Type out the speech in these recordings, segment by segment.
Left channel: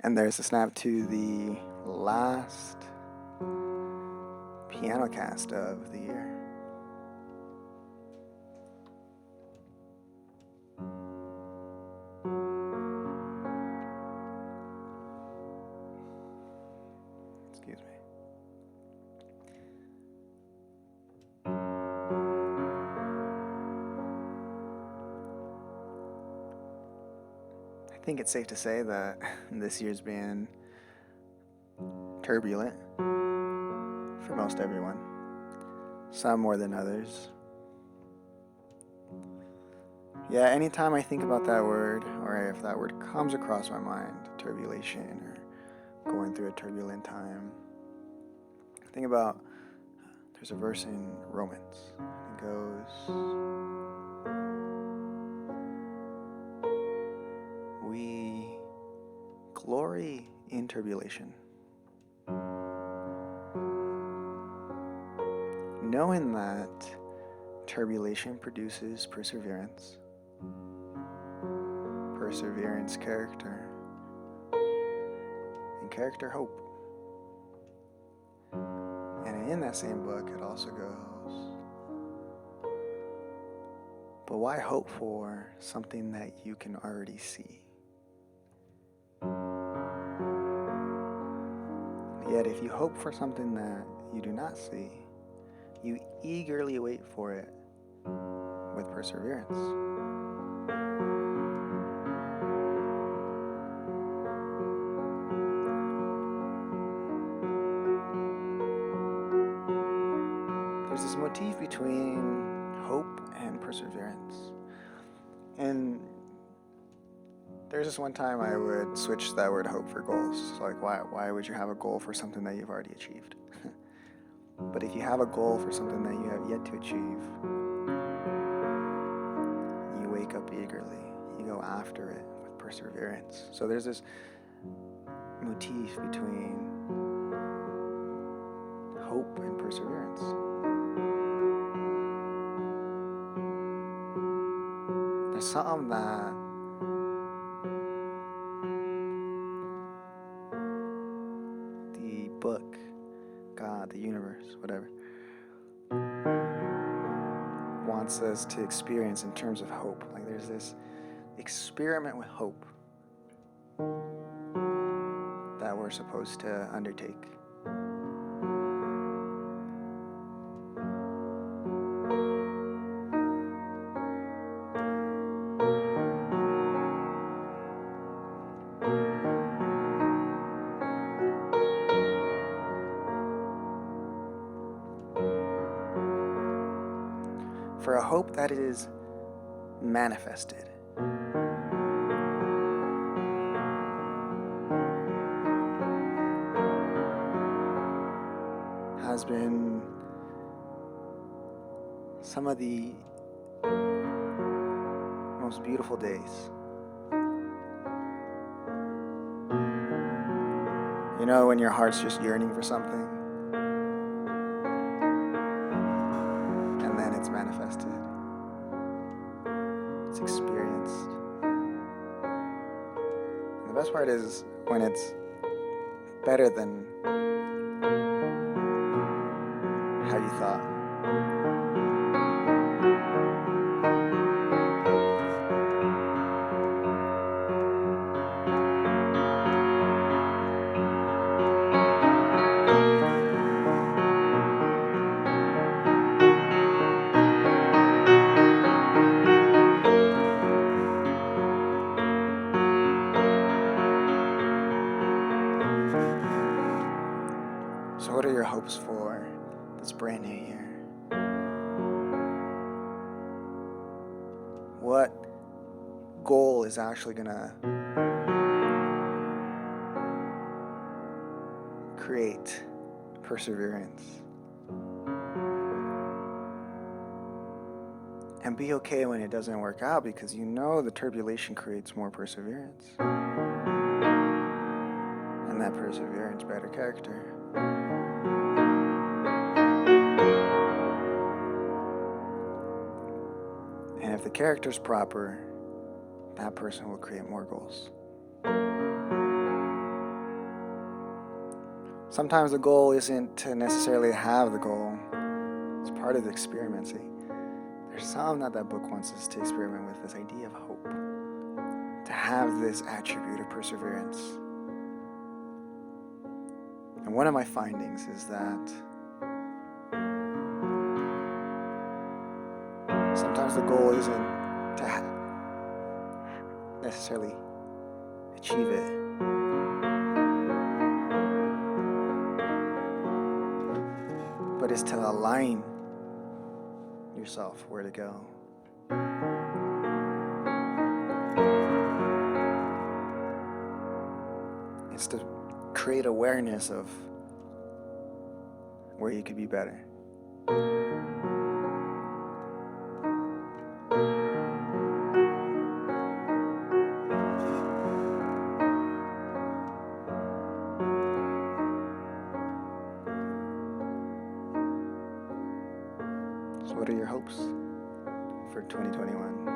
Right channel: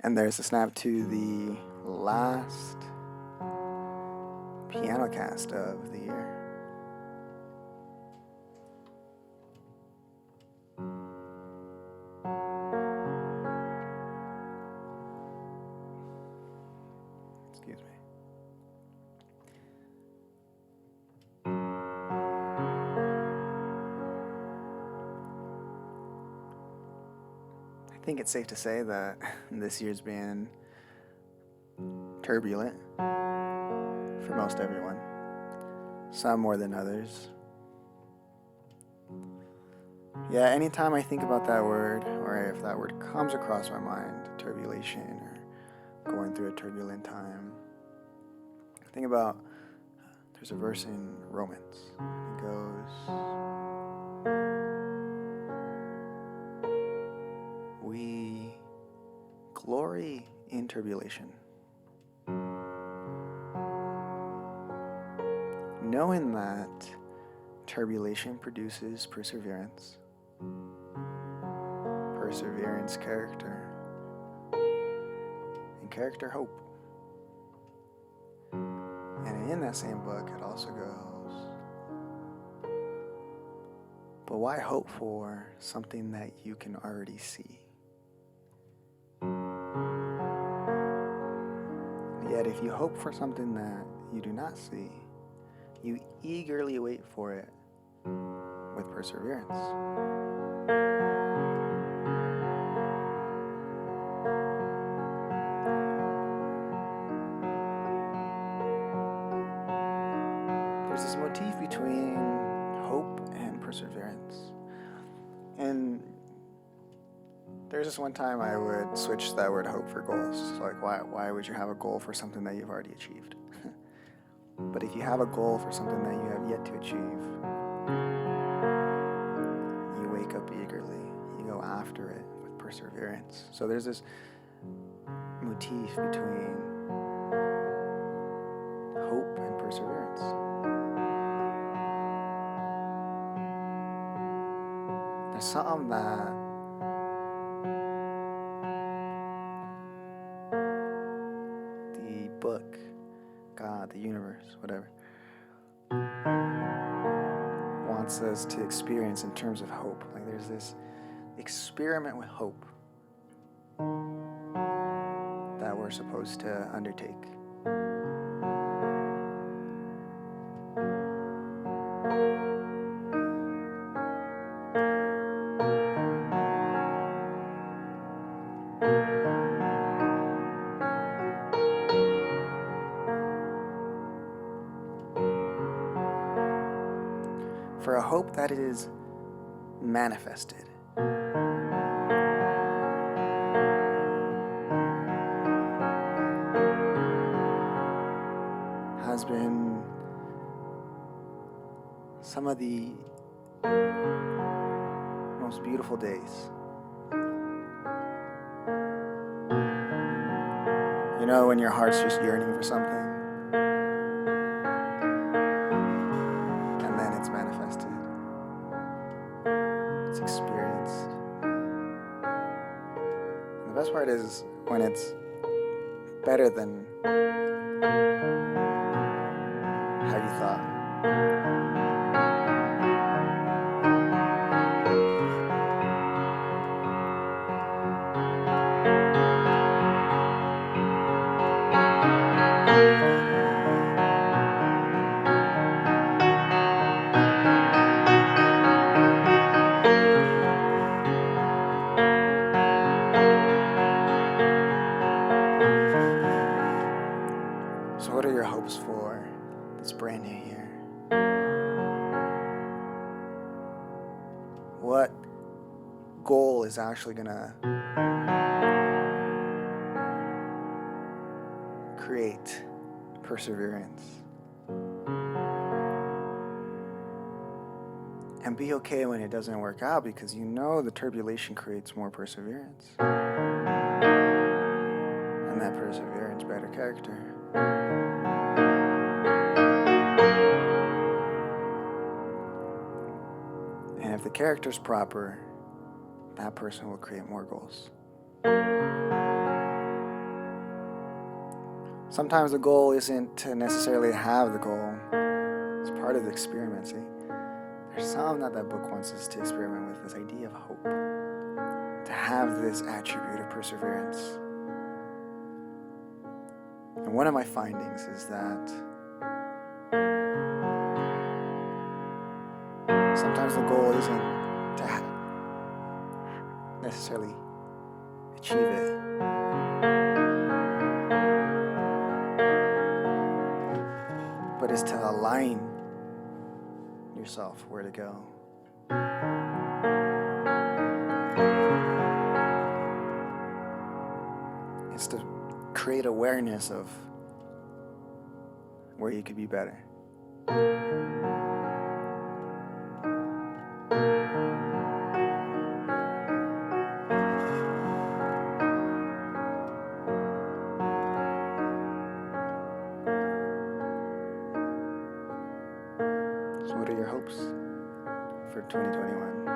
And there's a snap to the last Pianocast of the year. Excuse me. I think it's safe to say that this year's been turbulent for most everyone, some more than others. Yeah, anytime I think about that word, or if that word comes across my mind, turbulation or going through a turbulent time, think about there's a verse in Romans. It goes, we glory in tribulation, knowing that tribulation produces perseverance, perseverance character, and character hope. And in that same book it also goes, but why hope for something that you can already see? Yet if you hope for something that you do not see, you eagerly wait for it with perseverance. There's this motif between hope and perseverance. And there's this one time I would switch that word hope for goals. So like, why would you have a goal for something that you've already achieved? But if you have a goal for something that you have yet to achieve, you wake up eagerly. You go after it with perseverance. So there's this motif between hope and perseverance. There's something that the book, God, the universe, whatever, wants us to experience in terms of hope. Like there's this experiment with hope that we're supposed to undertake. For a hope that is manifested. Has been some of the most beautiful days. You know, when your heart's just yearning for something, and then it's manifested. It's experienced. And the best part is when it's better than how you thought. So what are your hopes for this brand new year? What goal is actually gonna create perseverance? And be okay when it doesn't work out, because you know the turbulation creates more perseverance. And that perseverance, better character. And if the character's proper, that person will create more goals. Sometimes the goal isn't to necessarily have the goal. It's part of the experiment, see? There's something that book wants us to experiment with, this idea of hope. To have this attribute of perseverance. And one of my findings is that sometimes the goal isn't to necessarily achieve it. But it's to align yourself where to go. It's to create awareness of where you could be better. So what are your hopes for 2021?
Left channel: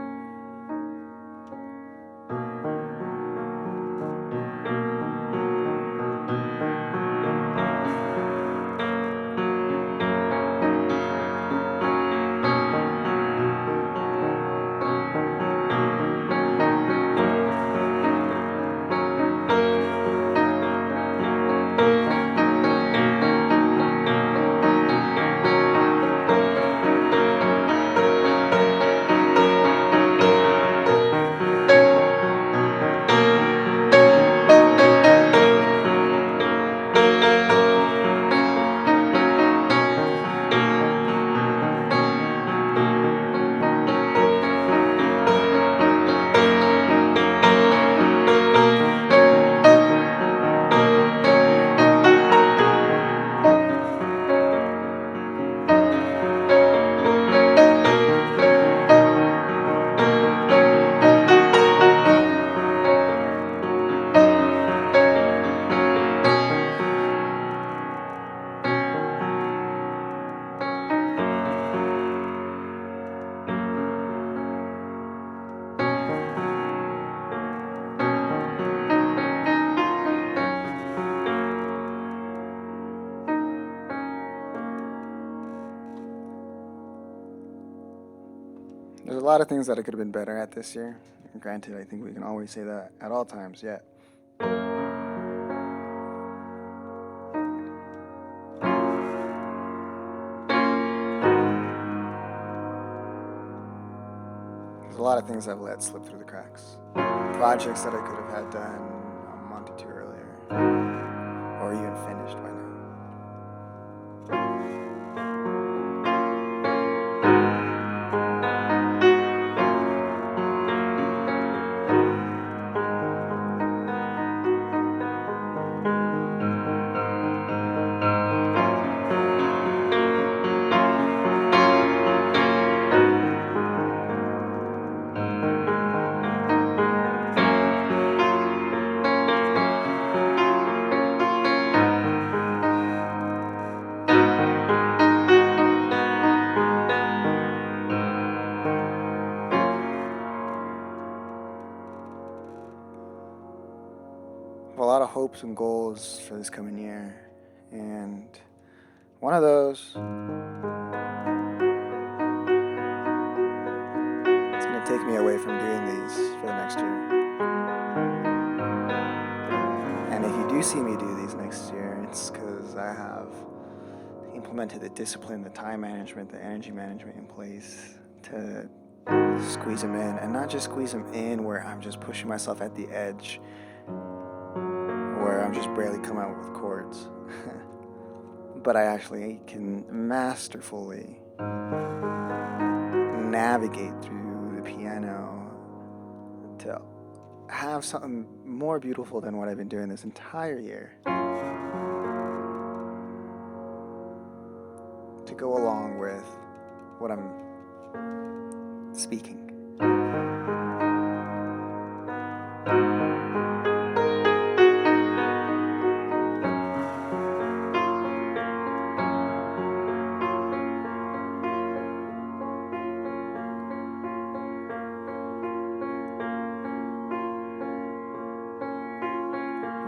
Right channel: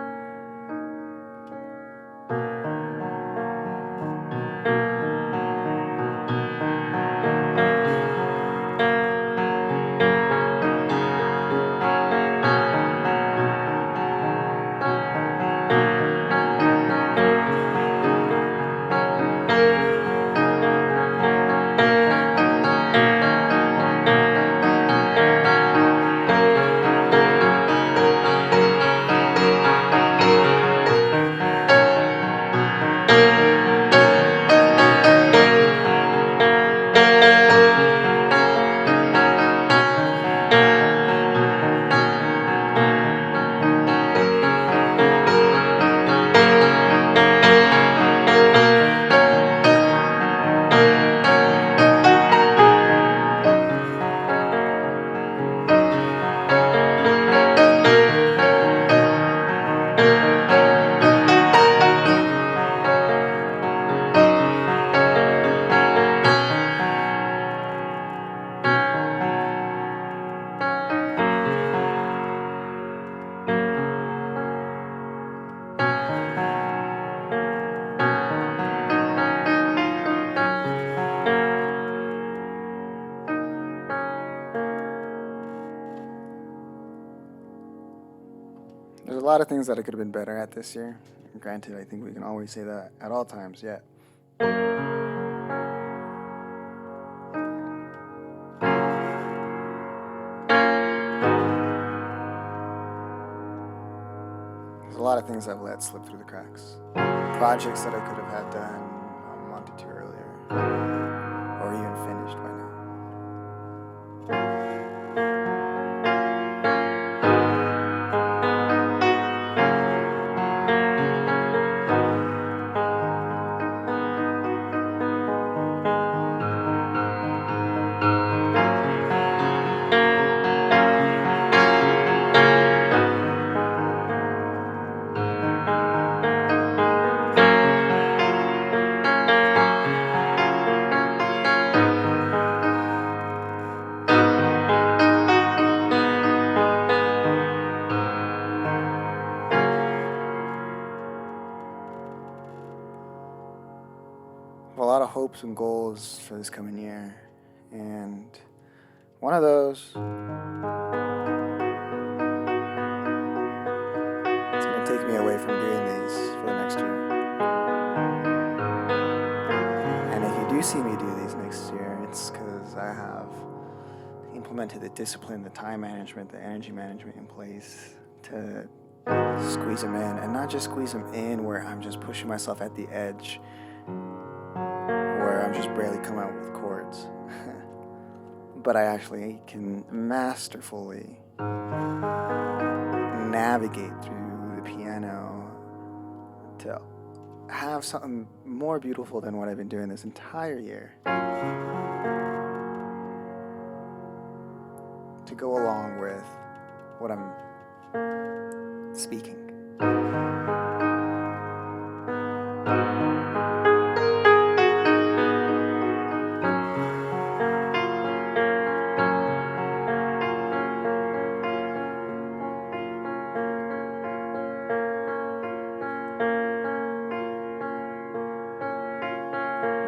There's a lot of things that I could have been better at this year. Granted, I think we can always say that at all times, yeah. There's a lot of things I've let slip through the cracks. Projects that I could have had done a month or two earlier, or even finished by now. A lot of hopes and goals for this coming year, and one of those is going to take me away from doing these for the next year. And if you do see me do these next year, it's because I have implemented the discipline, the time management, the energy management in place to squeeze them in, and not just squeeze them in where I'm just pushing myself at the edge, where I'm just barely coming out with chords. But I actually can masterfully navigate through the piano to have something more beautiful than what I've been doing this entire year, to go along with what I'm speaking.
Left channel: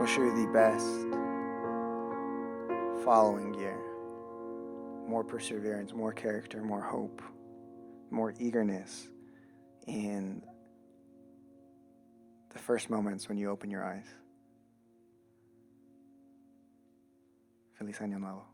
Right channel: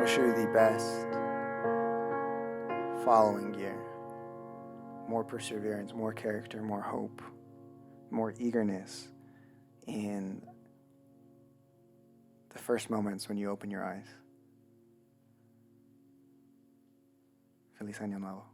Wish you the best following year. More perseverance, more character, more hope, more eagerness in the first moments when you open your eyes. Feliz año nuevo.